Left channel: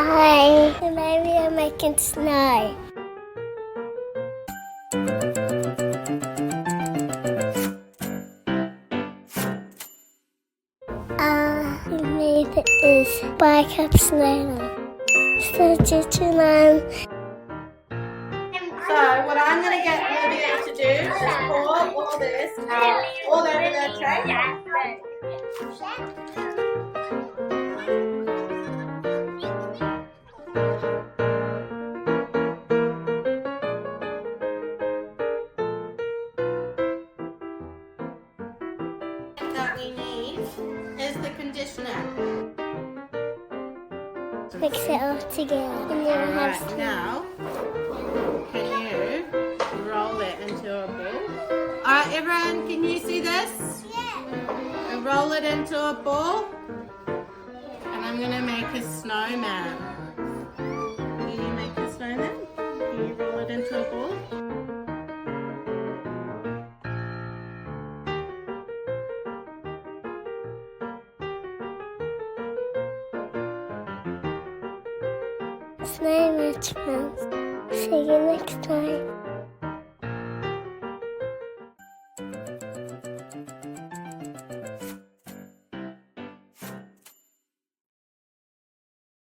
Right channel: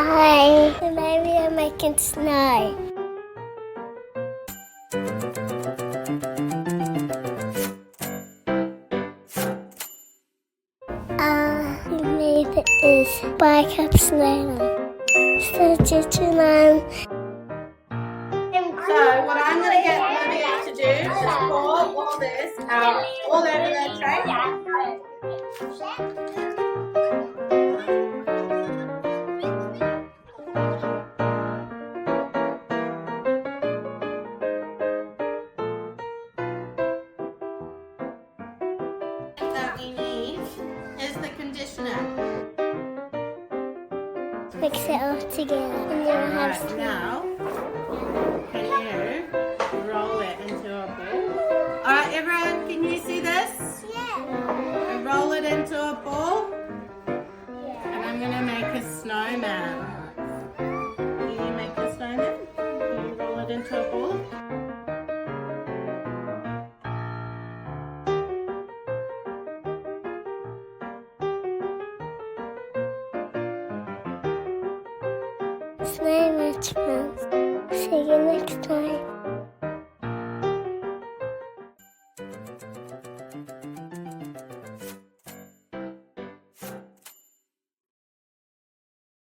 Hi, today we are making snow. We made is bike up snowman. So gentleman. So what I'm going to get Olivia to do is pour all this out all over the tray. That we need is the conditioner. Mix it all together and you'll have snow. Now, can you roll it into a ball? Alright everyone, can you see this? Yeah. And roll it into a ball. And I'm going to make a snowman. Can you make a snowman? Can you roll it into a ball? Snow much fun. See you next time.